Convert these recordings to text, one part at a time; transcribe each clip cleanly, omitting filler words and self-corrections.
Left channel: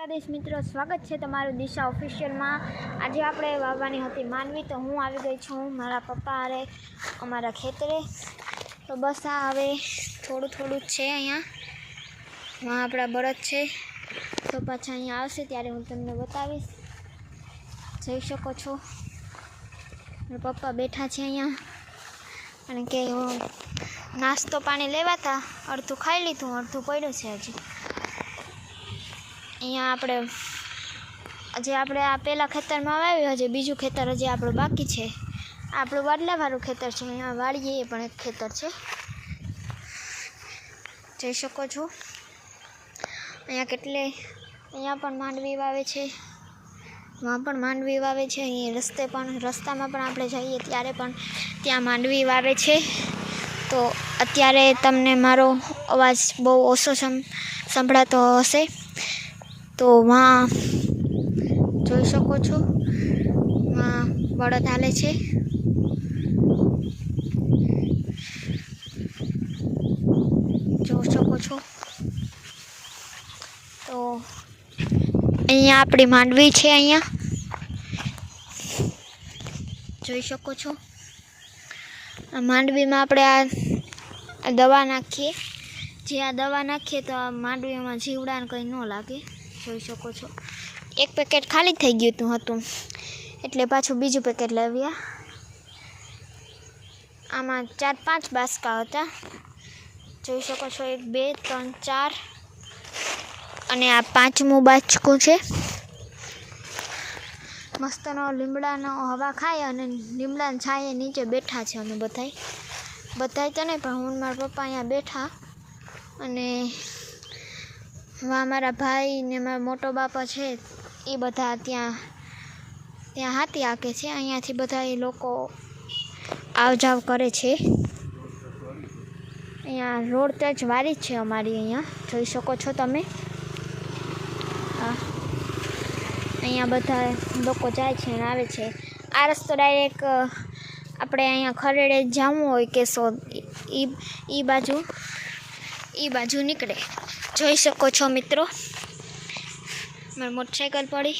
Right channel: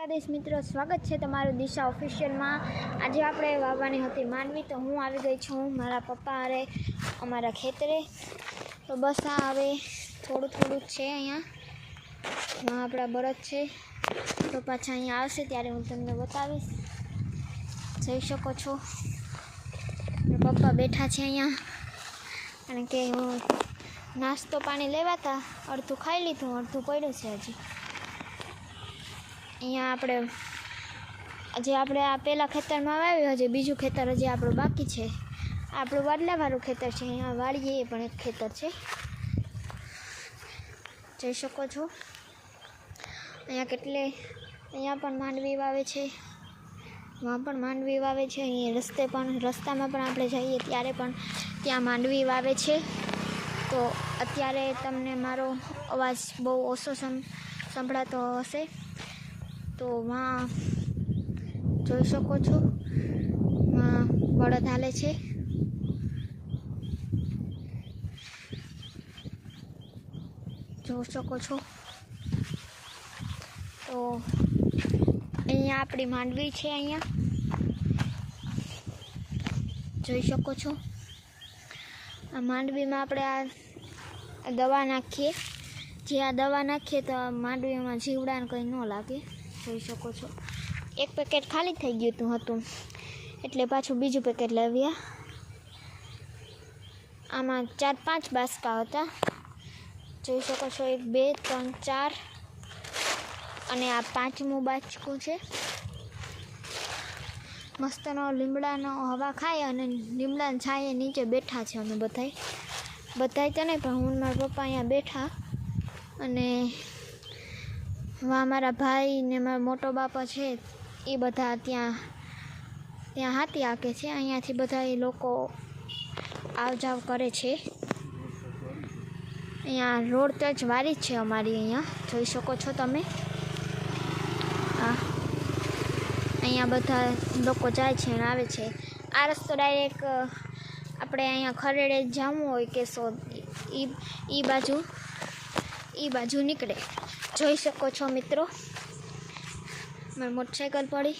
દ્વારકાધીશ મિત્રો, સ્વાગત છે તમારું દિશા ઓફિશિયલમાં। આજે આપણે વાવવાની હતી માંડવી, તો હું આવી ગઈ છું મારા પપ્પા હારે અમારા ખેતરે। તો બસ આ હવે થોડું જ છે, અહીંયા આપણા બળદ છે, તો પાછા અહીંયા આવશે ત્યારે હું તમને બતાવીશ। જોઈ શકો છો પપ્પા બેઠા છે અહીંયા, કારણ કે નાસ્તો પાણી લેવાતા, અડધું ખાઈ લીધું, અડધું પડ્યું છે હજી। અહીંયા આપણે આ પહેલાં ખેતરમાં વાવ્યું, હજી બીજું ખેતર હજી આપણું બાકી છે। આપણું વાડલાવાળું ખેતર છે, અહીંયા વાડીએ એ પણ એક ખેતર છે, જોઈ શકો છો। અહીંયા પણ માંડવી વાવે છે, વहाँ પણ માંડવી વાવે છે, અહીંયા રસ્તામાં પણ આપણે જઈએ ત્યારે પણ ત્યાં માંડવી વાવે છે। તો અત્યારે તમને મારો અવાજ બહુ ઓછો સંભળાતો હશે, તો વहाँ જોઈ શકો છો, વहाँ બળદ હાલે છે, જોઈ શકો છો। તો અહીંયા આપણી માંડવી છે, અહીંયા જોઈ શકો છો। માંડવીમાં આપણે આ દવા નાખીએ, જે આ દવા નાખીએ તો આ માંડવીમાં જીવડાને કંઈ ન લાગે, જોઈ શકો છો। એક પેકેટ ખાલી થઈ ગયું હતું, એટલે પાછું બીજું પેકેટ લાવ્યા। આમાં 4-5 બાસકા હતા, જોઈ શકો છો, 1 2 3 4, અને આ 5મું બાચકું છે। મસ્તનો લીમડાનો હવા ખાય અને લીમડાની છાંયે નીચે બેઠા છે અમે બધાય તો નહીં, પણ હું મારા પપ્પા અહીંયા બેઠા, અને મારા ભાઈ ને મારા મોટો બાપા છે એ બધા ત્યાં હાથી હાકે છે, અહીંયાથી બધા એ લોકો આવ જાવ કરે છે। અહીંયા રોડ તો જ વારી જ છે અમારી, અહીંયા જોઈ શકો છો તમે। અહીંયા બધા લોકો જાય છે અને આવે છે। આ રસ્તો ડાયરેક્ટ આપણે અહીંયા ખરેડે જવું હોય કે એ બાજુ નીકળે, જોઈ શકો છો મિત્રો। મારી મોટરસાઇકલ પડી,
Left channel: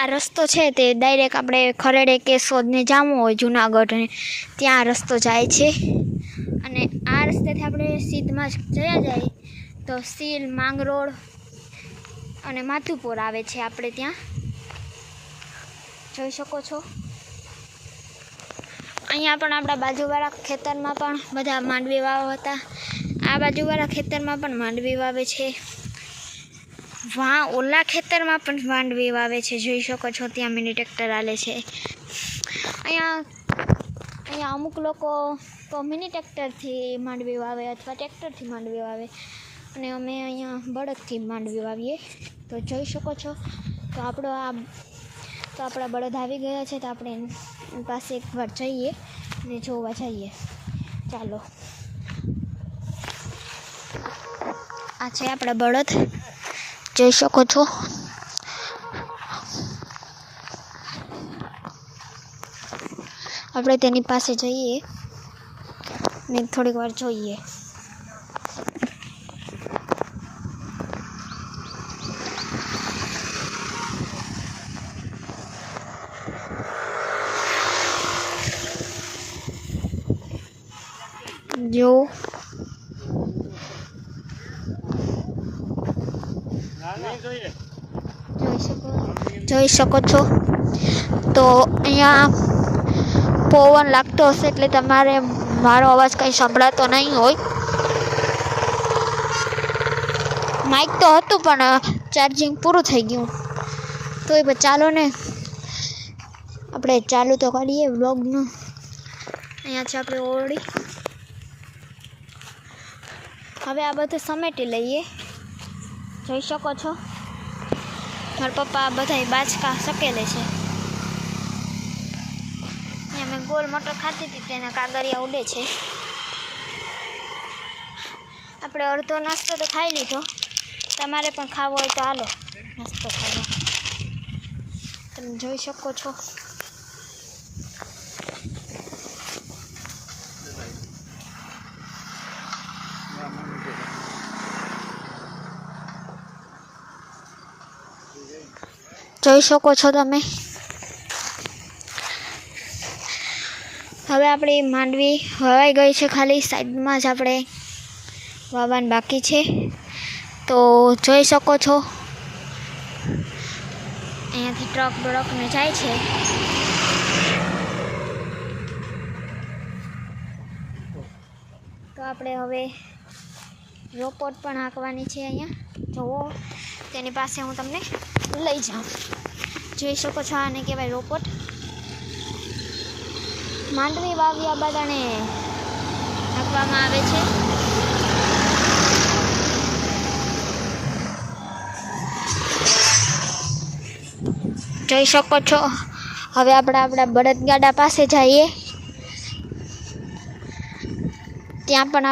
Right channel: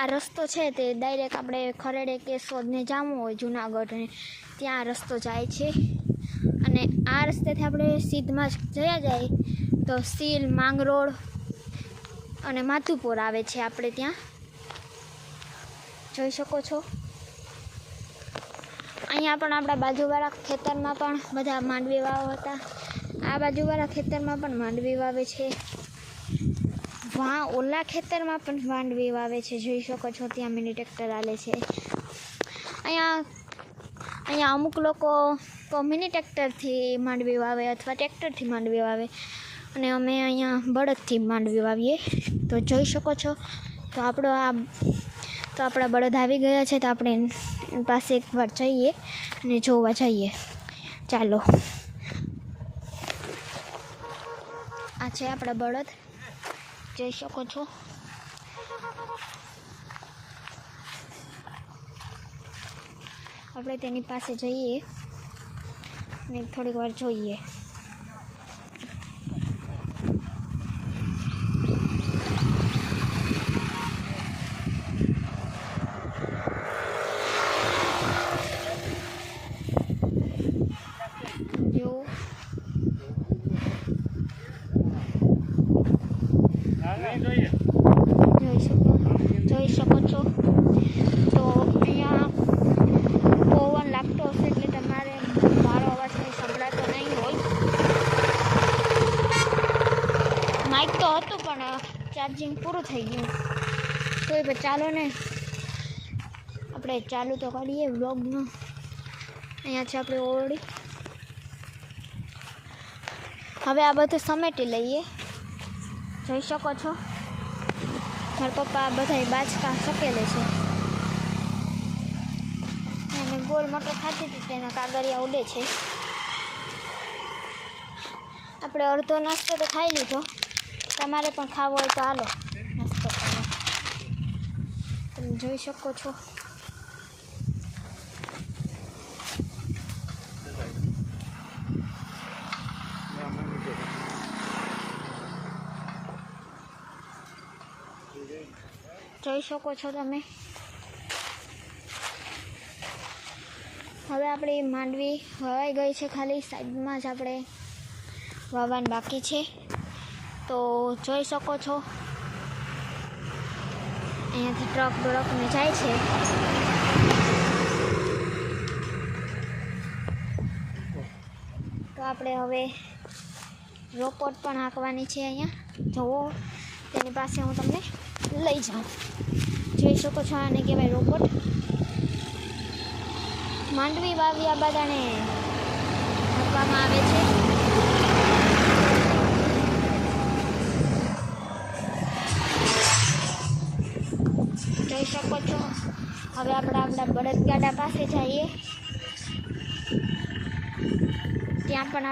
આ રસ્તો છે તે ડાયરેક્ટ આપણે ખરેડે કેશોદને જવું હોય જુનાગઢ, ત્યાં રસ્તો જાય છે। અને આ રસ્તેથી આપણે સીધમાં જાય તો સીલ, માંગરોળ અને માધુપુર આવે છે આપણે ત્યાં, જોઈ શકો છો। અહીંયા પણ આપણા બાજુવાળા ખેતરમાં પણ બધા માંડવી વાવ્યા હતા, આ બાજુવાળા ખેતરમાં પણ માંડવી વાવે છે, વहाँ ઓલા ખેતરમાં પણ માંડવી વાવે છે, જોઈ શકો છો। ત્યાં મિની ટ્રેક્ટર હાલે છે। અહીંયા અમુક લોકો તો મિની ટ્રેક્ટરથી માંડવી વાવે અથવા ટ્રેક્ટરથી માંડવી વાવે, અને અમે અહીંયા બળદથી માંડવી વાવીએ, તો જોઈ શકો છો। તો આપણા બળદ આવી ગયા છે, તો આપણે એની પાસે એકવાર જઈએ અને જોવા જઈએ, ચાલો। આ છે આપણા બળદ, જોઈ શકો છો। આપણે તેની પાસે જઈએ ને થોડીક વાર જોઈએ। જોઈ શકો છો। તો અહીંયા પવન લાગતો હશે એટલે તમારે મારો અવાજ કંઈ સંભળાતો નહીં હોય। માઇક તો હતું પણ ચાર્જિંગ પૂરું થઈ ગયું, તો ચાલો ને આપણે ચાલુ તો કરીએ વ્લોગનું। અહીંયા છે આપણે ઓરડી, હવે આ બધું સમેટી લઈએ, જોઈ શકો છો। મારા પપ્પા બધા બાચકા સકેલે છે, અહીંયા મેં ગોલ મટર ખાધી હતી, તેના કાગળિયા ઉડે છે। આપણે અડધો નાસ્તો તો ખાઈ લીધો, તમારે પણ ખાવો હોય તો હાલો નાસ્તો કરવા, તમે જોઈ શકો છો। જોઈ શકો છો તમે. હવે આપણી માંડવી વાવાઈ ગઈ છે, ખાલી સાઈડમાં જ આપણે વાવવાનું બાકી છે. તો જોઈ શકો છો અહીંયાથી ટ્રક બ્રકને જાય છે. તો આપણે હવે રોપોટ પણ હાંકવાની છે. અહીંયા જુઓ, તેની પાસે હું તમને લઈ જાઉં. જોઈ શકો છો, આને કહેવાય રોપોટ. માંડવી વાવ્યા બાદ આને હાંકવામાં આવે છે. જોઈ શકો છો. હવે આપણે આપણા બળદગાડા પાસે જઈએ. ત્યાં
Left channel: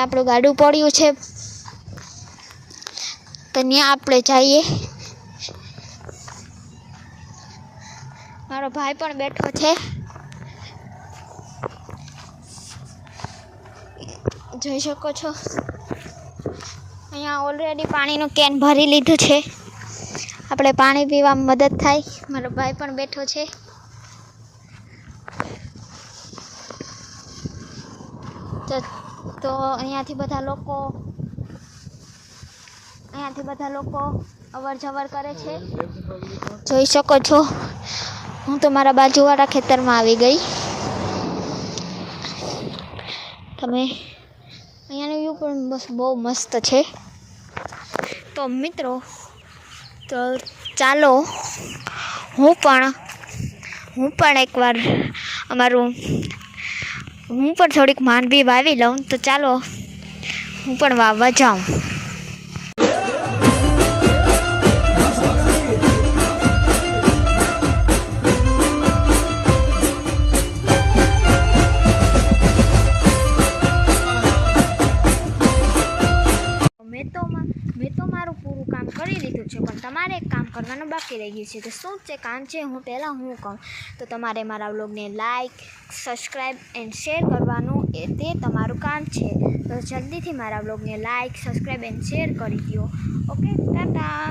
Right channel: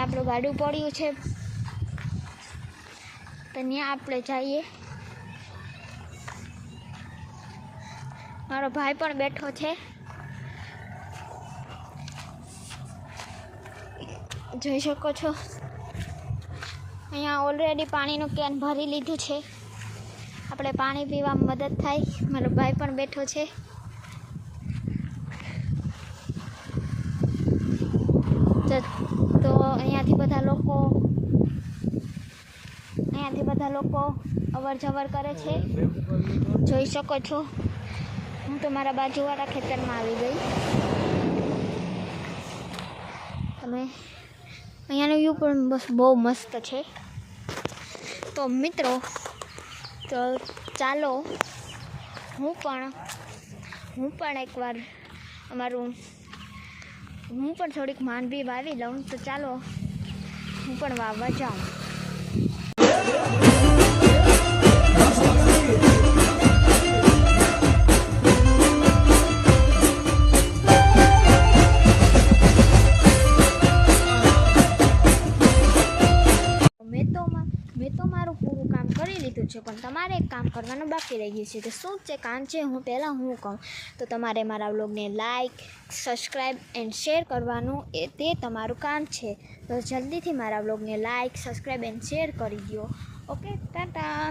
આપણું ગાડું પડ્યું છે, તો ત્યાં આપણે જઈએ. મારો ભાઈ પણ બેઠો છે, જોઈ શકો છો. અહીંયા ઓલરેડી પાણીનું કેન ભરી લીધું છે. આપણે પાણી પીવામાં મદદ થાય. મારો ભાઈ પણ બેઠો છે. તો અહીંયાથી બધા લોકો અવર જવર કરે છે. જોઈ શકો છો. હું તો મારા બાજુવાળા ખેતરમાં આવી ગઈ. તમે અહીંયાનો વ્યૂ પણ બહુ મસ્ત છે. તો મિત્રો, તો ચાલો હું પણ એકવાર હું પણ થોડીક માંડવી વાવી લઉં. તો ચાલો હું પણ વાવવા જાઉં. મેં તો મારું પૂરું કામ કરી લીધું છે, પણ તમારે એક કામ કરવાનું બાકી રહી ગયું છે. તો શું છે કામ છે, હું કહું તો તમારે મારા વ્લોગને લાઈક, સબસ્ક્રાઈબ એન્ડ શેર કરવાનું તે તમારું કામ છે. તો જલ્દીથી મારા વ્લોગને લાઈક, સબસ્ક્રાઈબ એન્ડ શેર કરી દો. ઓકે, ટાટા.